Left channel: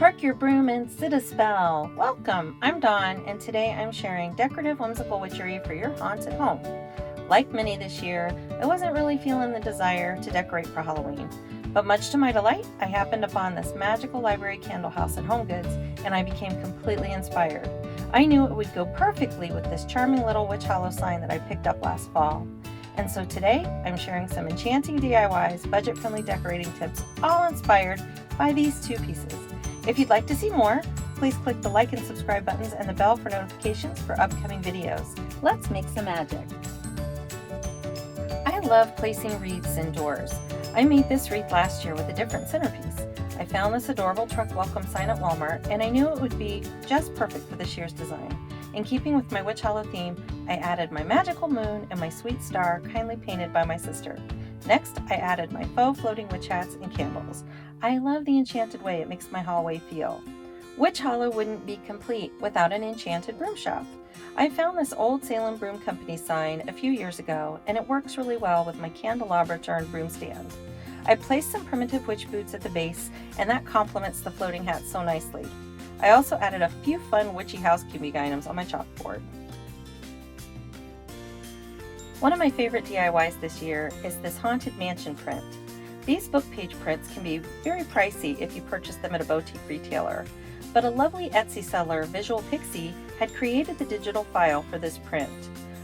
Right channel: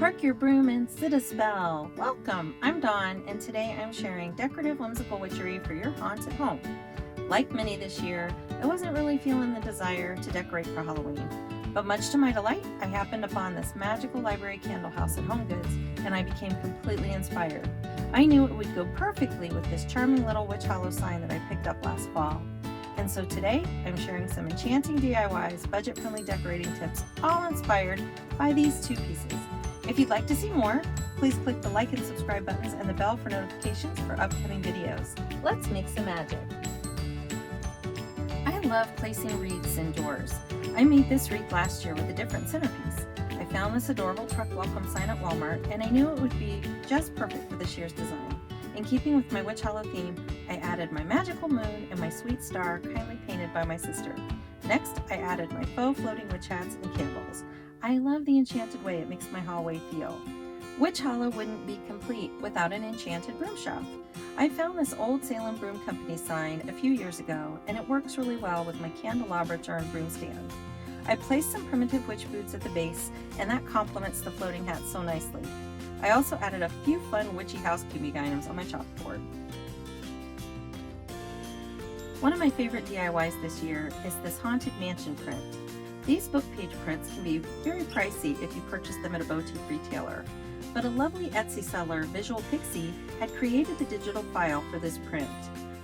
Work your broom and sit a spell. Welcome, I'm Dawn, and today I'm sharing decorative whimsical witchery for your haunted home. Like many this year, I wasn't really feeling the desire to decorate for Halloween, but much to my delight, I happened upon this magical library candle house at HomeGoods, and I became completely inspired. I knew it would go perfectly with this charming little witch hollow sign that I picked up last fall. And so today, I'm sharing some enchanting DIYs, budget-friendly decorating tips, all inspired by these two pieces. If you'd like to see more, please click the like and subscribe buttons and the bell for notifications for upcoming videos. Let's make some magic. I love placing wreaths indoors. I made this wreath last year with a different centerpiece. I found this adorable truck welcome sign at Walmart, and I knew it would be just perfect for this year's design. In keeping with my witch hollow theme, I added my magical moon and my sweet star, kindly painted by my sister. Next, I added my faux floating witch hats and candles. I love the enchanted way it makes my hallway feel. Witch Hollow wouldn't be complete without an enchanted broom shop. I found this old Salem Broom Company sign a few years ago, and it works really well with my candelabra charmed broom stand. I placed some primitive witch boots at the base, and that complements the floating hat so nicely. I also added a few fun witchy housekeeping items on my chalkboard. One of my favorite DIYs this year is this haunted mansion print. These book page prints can be very pricey if you purchase them at a boutique retailer, but a lovely Etsy seller, Visual Pixie, had created the digital file for this print.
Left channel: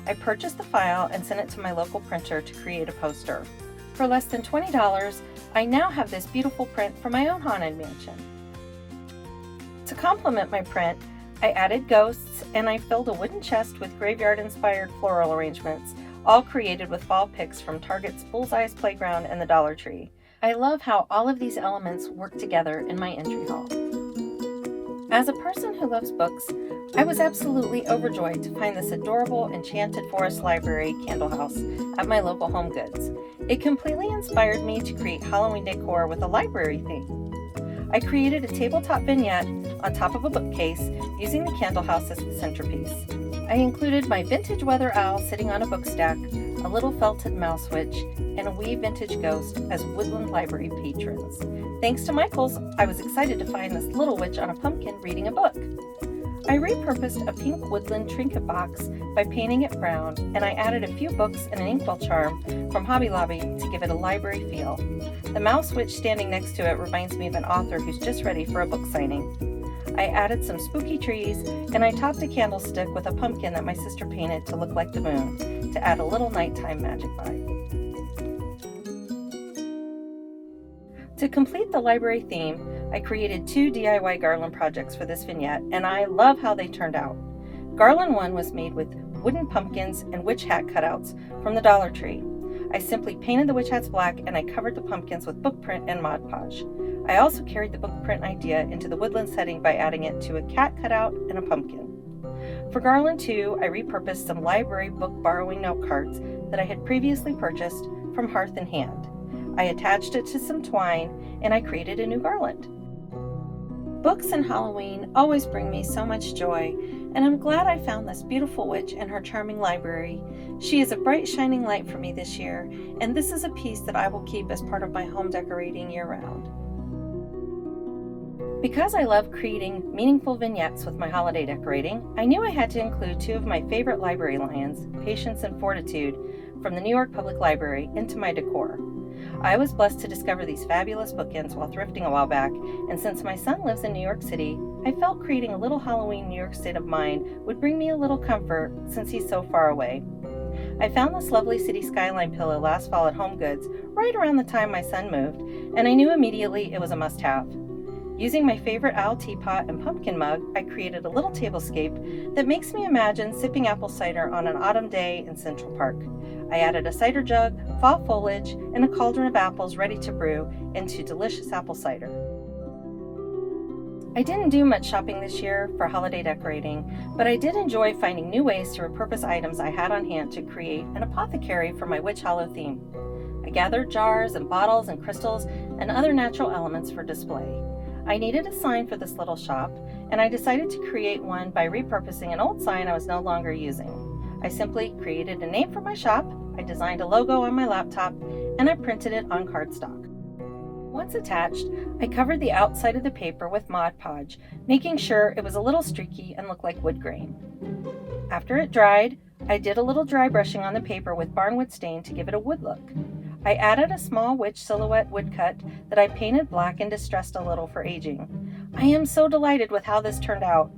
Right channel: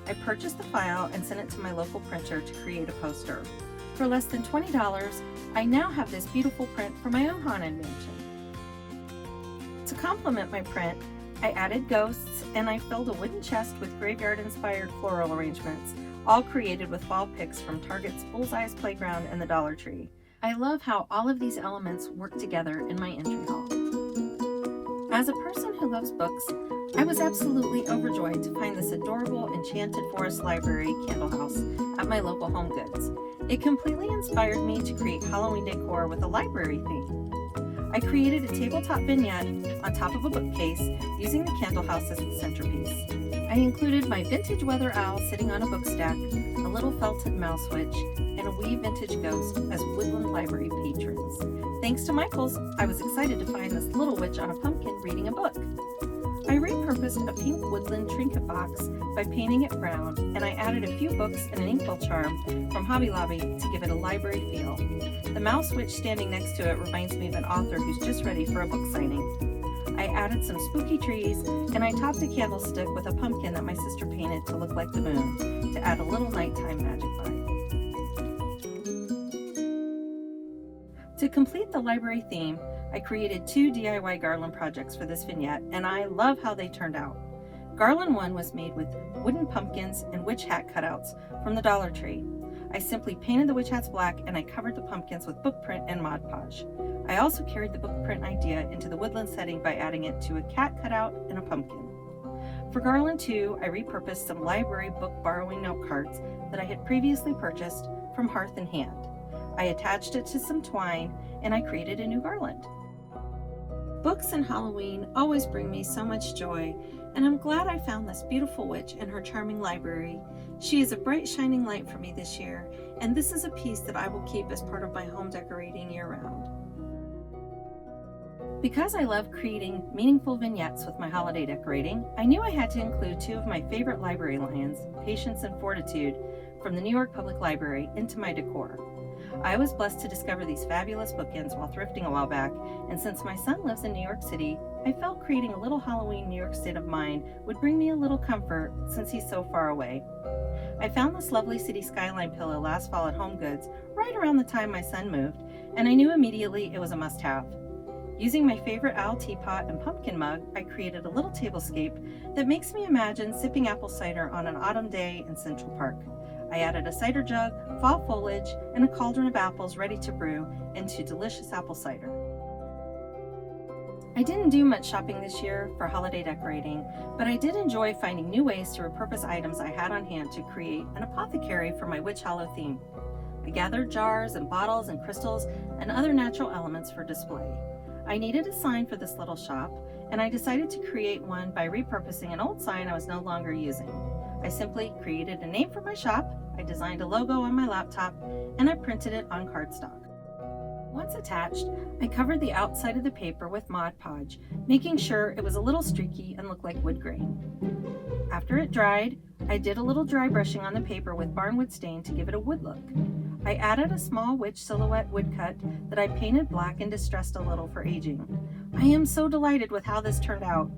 I purchased the file and sent it to my local printer to create a poster. For less than $20, I now have this beautiful print for my own haunted mansion. To complement my print, I added ghosts and I filled a wooden chest with graveyard-inspired floral arrangements, all created with fall picks from Target's Bullseye's Playground and the Dollar Tree. I love how all of these elements work together in my entry hall. As a person who loves books, I was absolutely overjoyed to find this adorable Enchanted Forest Library candle house at my local HomeGoods. It completely inspired me to create Halloween decor with a library theme. I created a tabletop vignette on top of a bookcase using the candle house as the centerpiece. I included my vintage weather owl sitting on a book stack, a little felted mouse witch, and a wee vintage ghost as woodland library patrons. Thanks to Michaels, I was excited to find this little witch on a pumpkin reading a book. I repurposed a pink woodland trinket box by painting it brown, and I added a few books and an inkwell charm from Hobby Lobby to give it a library feel. The mouse witch standing next to it reminds me of an author who's just ready for a book signing. I added some spooky trees, and I topped a candlestick with a pumpkin that my sister painted to look like the moon, to add a little nighttime magic vibe. To complete the library theme, I created 2 DIY garland projects for this vignette, and I love how they turned out. Garland 1 was made with wooden pumpkins and witch hat cutouts from the Dollar Tree. I simply painted the witch hats black, and I covered the pumpkins with book print and Mod Podge. I also carried the book print idea into the woodland setting by adding it to a cat cutout and a pumpkin. For Garland 2, I repurposed some library book borrowing note cards that I had previously purchased from Hearth and Hand. I attached it to some twine, and I created a new garland. Books and Halloween always bring me so much joy, and I'm glad I found this beautiful witch in her charming library. She is a bright shining light for me this year, and this is a piece that I will keep as part of my home decorating year-round. Because I love creating meaningful vignettes with my holiday decorating, I knew I had to include 2 of my favorite library lions, Patience and Fortitude, from the New York Public Library, into my decor. I was blessed to discover these fabulous bookends while thrifting a while back, and since my son lives in New York City, I felt creating a little Halloween New York state of mind would bring me a little comfort since he's so far away. I found this lovely city skyline pillow last fall at HomeGoods right around the time my son moved, and I knew immediately it was a must-have. Using my favorite owl teapot and pumpkin mug, I created a little tablescape that makes me imagine sipping apple cider on an autumn day in Central Park. I added a cider jug, fall foliage, and a cauldron of apples ready to brew into delicious apple cider. I didn't do much shopping this year for holiday decorating, but I did enjoy finding new ways to repurpose items I had on hand to create an apothecary for my Witch Hollow theme. I gathered jars and bottles and crystals and other natural elements for display. I needed a sign for this little shop, and I decided to create one by repurposing an old sign I was no longer using. I simply created a name for my shop, I designed a logo on my laptop, and I printed it on cardstock. Once attached, I covered the outside of the paper with Mod Podge, making sure it was a little streaky and looked like wood grain. After it dried, I did a little dry brushing on the paper with barnwood stain to give it a wood look. I added a small witch silhouette woodcut that I painted black and distressed a little for aging. I am so delighted with how this turned out.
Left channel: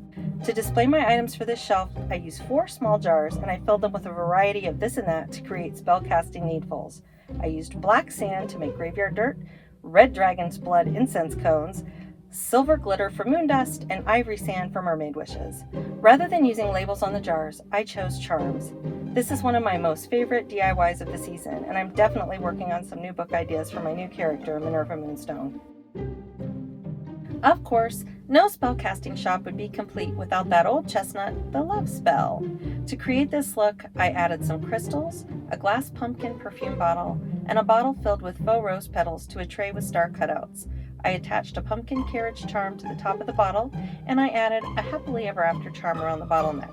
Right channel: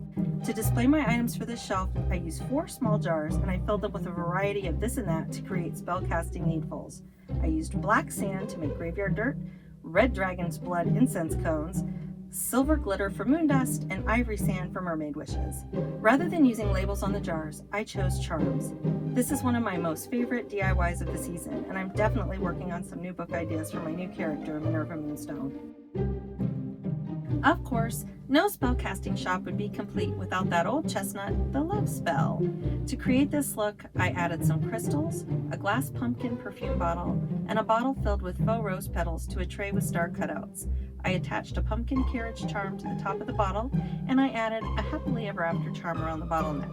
To display my items for this shelf, I used 4 small jars and I filled them with a variety of this and that to create spellcasting needfuls. I used black sand to make graveyard dirt, red dragon's blood incense cones, silver glitter for moon dust, and ivory sand for mermaid wishes. Rather than using labels on the jars, I chose charms. This is one of my most favorite DIYs of the season, and I'm definitely working on some new book ideas for my new character, Minerva Moonstone. Of course, no spellcasting shop would be complete without that old chestnut, the love spell. To create this look, I added some crystals, a glass pumpkin perfume bottle, and a bottle filled with faux rose petals to a tray with star cutouts. I attached a pumpkin carriage charm to the top of the bottle, and I added a happily ever after charm around the bottle neck.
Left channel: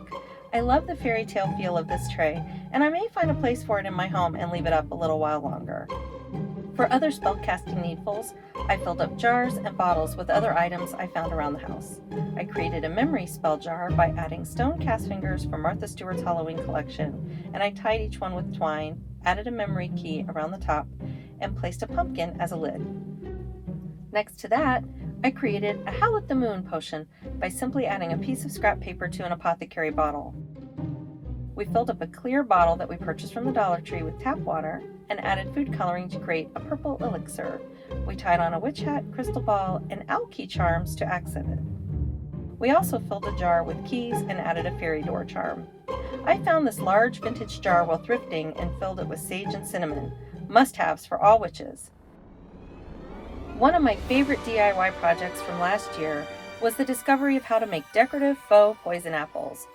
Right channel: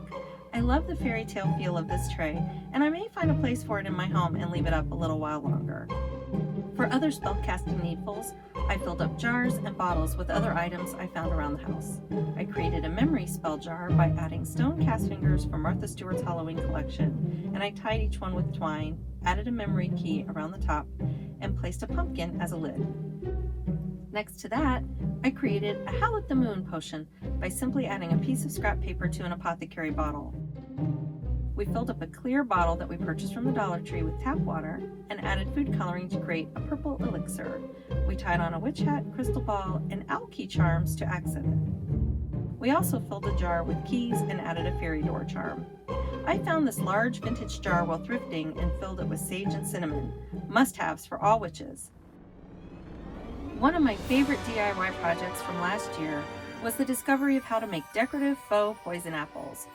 I love the fairy tale feel of this tray, and I may find a place for it in my home and leave it up a little while longer. For other spellcasting needfuls, I filled up jars and bottles with other items I found around the house. I created a memory spell jar by adding stone cast fingers from Martha Stewart's Halloween collection, and I tied each one with twine, added a memory key around the top, and placed a pumpkin as a lid. Next to that, I created a Howl at the Moon potion by simply adding a piece of scrap paper to an apothecary bottle. We filled up a clear bottle that we purchased from the Dollar Tree with tap water and added food coloring to create a purple elixir. We tied on a witch hat, crystal ball, and owl key charms to accent it. We also filled a jar with keys and added a fairy door charm. I found this large vintage jar while thrifting and filled it with sage and cinnamon, must-haves for all witches. One of my favorite DIY projects from last year was the discovery of how to make decorative faux poison apples.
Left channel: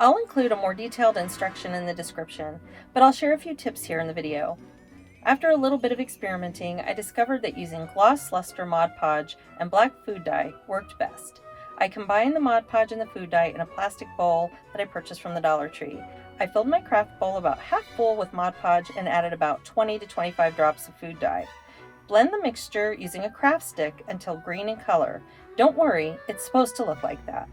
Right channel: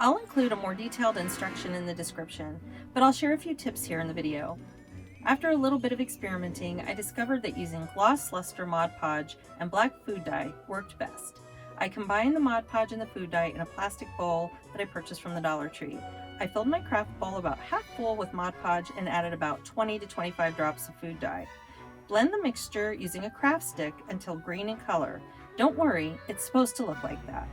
I'll include a more detailed instruction in the description, but I'll share a few tips here in the video. After a little bit of experimenting, I discovered that using gloss Lustre Mod Podge and black food dye worked best. I combined the Mod Podge and the food dye in a plastic bowl that I purchased from the Dollar Tree. I filled my craft bowl about half full with Mod Podge and added about 20 to 25 drops of food dye. Blend the mixture using a craft stick until green in color. Don't worry, it's supposed to look like that.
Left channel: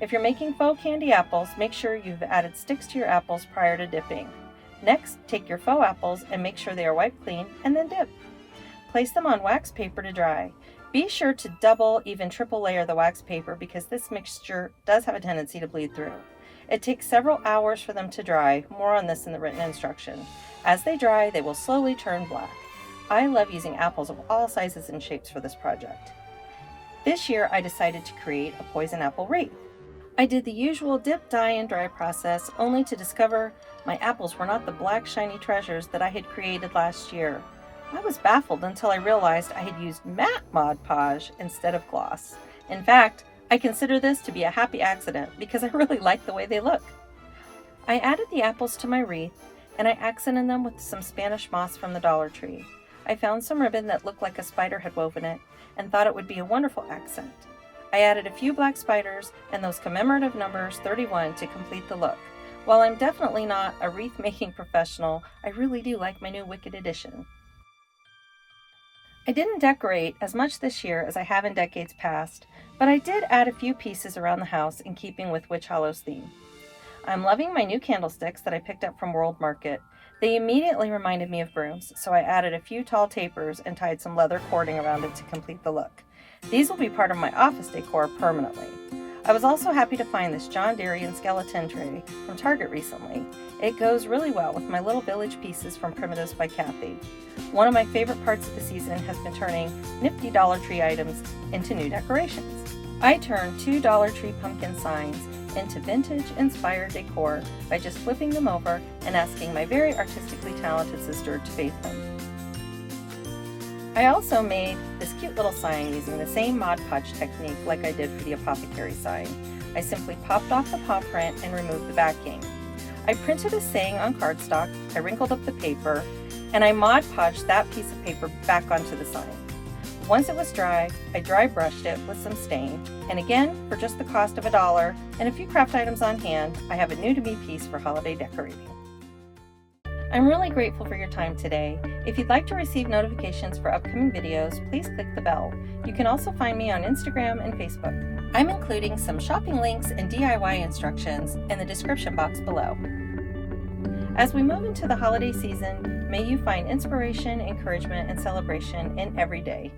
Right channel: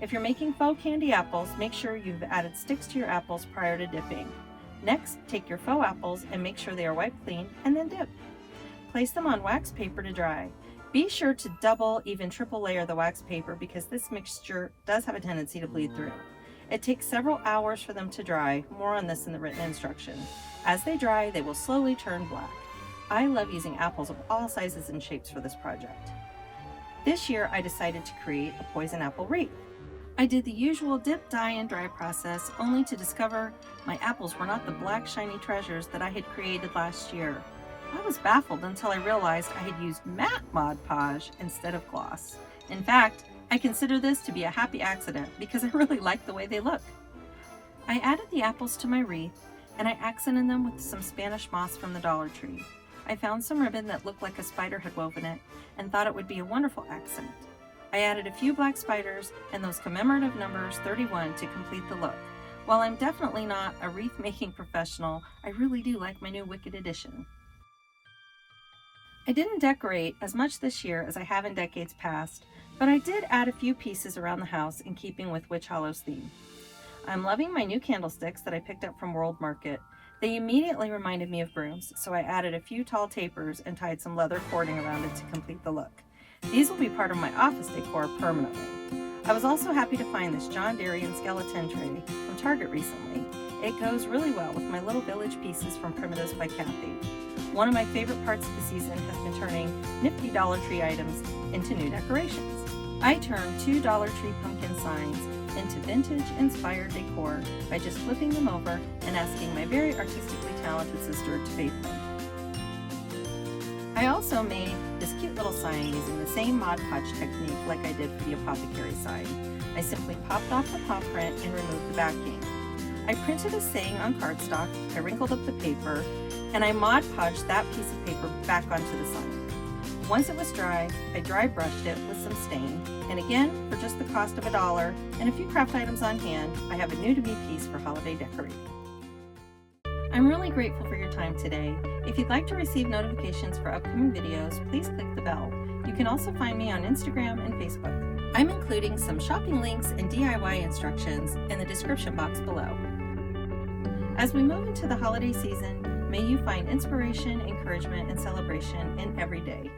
If you're making faux candy apples, make sure you've added sticks to your apples prior to dipping. Next, take your faux apples and make sure they are wiped clean and then dip. Place them on wax paper to dry. Be sure to double, even triple layer the wax paper because this mixture does have a tendency to bleed through. It takes several hours for them to dry, more on this in the written instruction. As they dry, they will slowly turn black. I love using apples of all sizes and shapes for this project. This year, I decided to create a poison apple wreath. I did the usual dip, dye, and dry process, only to discover my apples were not the black shiny treasures that I had created last year. I was baffled until I realized I had used matte Mod Podge instead of gloss. In fact, I consider this to be a happy accident because I really like the way they look. I added the apples to my wreath and I accented them with some Spanish moss from the Dollar Tree. I found some ribbon that looked like a spider had woven it and thought it would be a wonderful accent. I added a few black spiders and those commemorative numbers 31 to complete the look. While I'm definitely not a wreath making professional, I really do like my new Wicked edition. I didn't decorate as much this year as I have in decades past, but I did add a few pieces around the house in keeping with Witch Hollow's theme. I'm loving my new candlesticks that I picked up from World Market. They immediately reminded me of brooms, so I added a few tall tapers and tied some leather cording around it to complete the look. These will be part of my office decor permanently. I was also happy to find this John Darien skeleton tray from Target recently. It goes really well with my little village pieces from Primitives by Kathy. One of my favorite parts of the season has been turning nifty Dollar Tree items into new decorations. I turned 2 Dollar Tree pumpkin signs into vintage-inspired decor by just flipping them over and asking my very artistically talented sister to bake them. I also made this cute little sign using the same Mod Podge technique like I did for the apothecary sign. I simply popped off the paw print and removed the backing. I printed a saying on cardstock, I wrinkled up the paper, and I Mod Podged that piece of paper back onto the sign. Once it was dry, I dry brushed it with some stain, and again, for just the cost of $1 and a few craft items on hand, I have a new to me piece for holiday decorating. I'm really grateful for your time today. If you'd like to receive notifications for upcoming videos, please click the bell. You can also find me on Instagram and Facebook. I'm including some shopping links and DIY instructions in the description box below. As we move into the holiday season, may you find inspiration, encouragement, and celebration in every day.